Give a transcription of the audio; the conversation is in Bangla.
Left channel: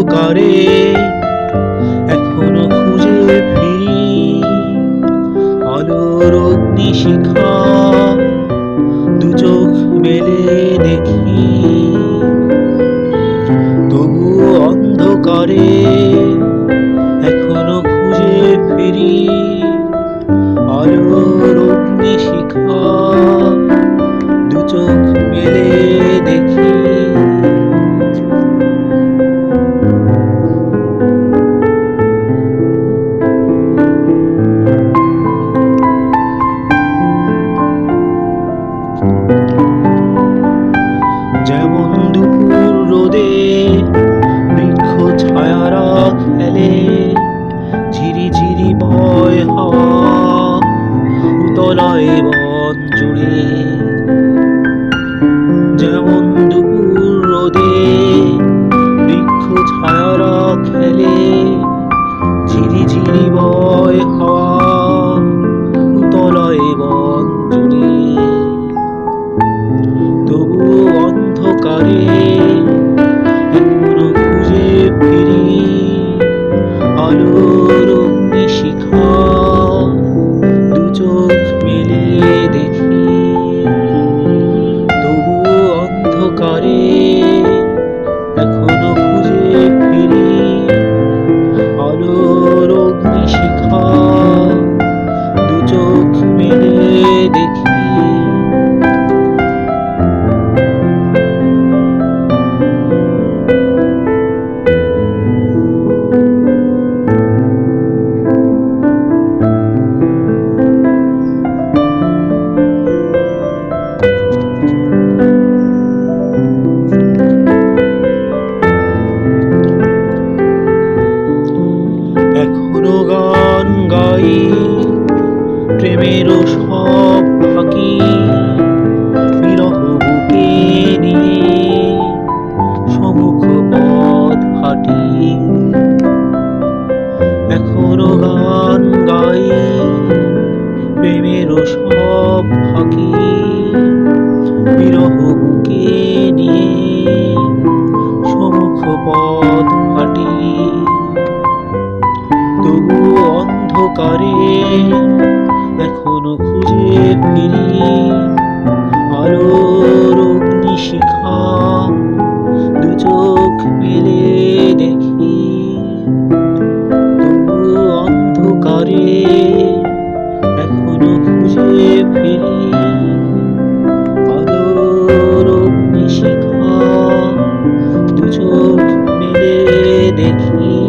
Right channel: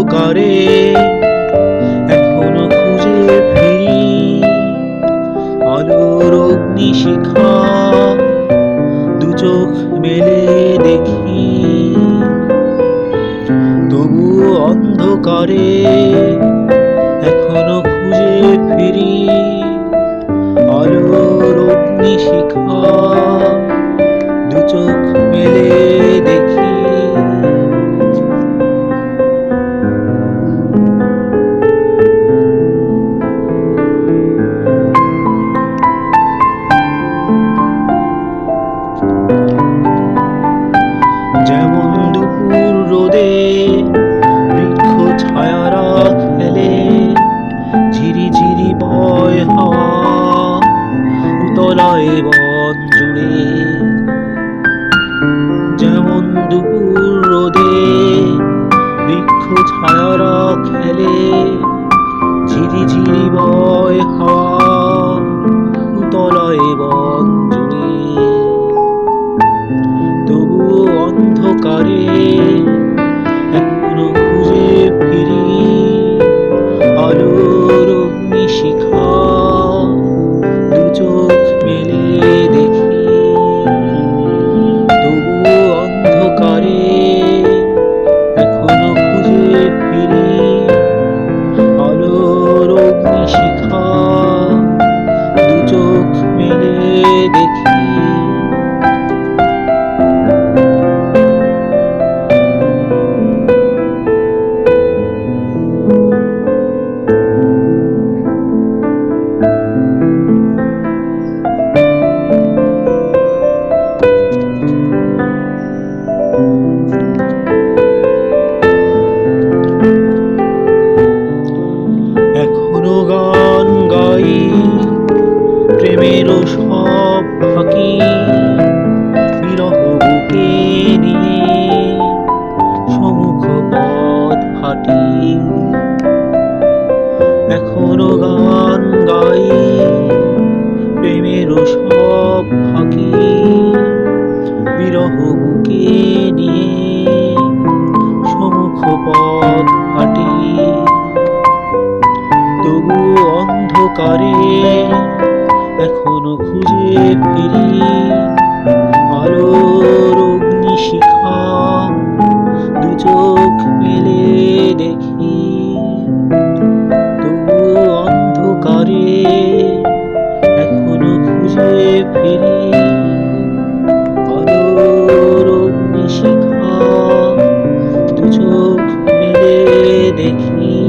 অন্ধকারে এখনও খুঁজে ফিরি আলোর অগ্নিশিখা। দু চোখ মেলে দেখি, তবু অন্ধকারে। এখনও খুঁজে ফিরি আলোর অগ্নিশিখা। দু চোখ মেলে যেমন দুপুর রোদে বৃক্ষ ছায়ারা খেলে ঝিরি ঝিরি বয় হাওয়া উতলায় বন জুড়ে। যেমন দুপুর রোদে বৃক্ষ ছায়ারা খেলে ঝিরি ঝিরি বয় হাওয়া উতলায় বন জুড়ে। অন্ধকারে এখনও খুঁজে ফিরি। আলোর অগ্নিশিখা দু চোখ মেলে দেখি। তবু অন্ধকারে এখনও গান গাই, প্রেমেরও সব ফাঁকি বিরহ বুকে নিয়ে, সমুখ পথ হাঁটি এখনও গান গাই, প্রেমেরও সব ফাঁকি বিরহ বুকে নিয়ে, সমুখ পথ তবু অন্ধকারে এখনও খুঁজে ফিরি। আলোর অগ্নিশিখা দু চোখ মেলে দেখি। তবু অন্ধকারে এখনও খুঁজে ফিরি। আলোর অগ্নিশিখা দু চোখ মেলে দেখি।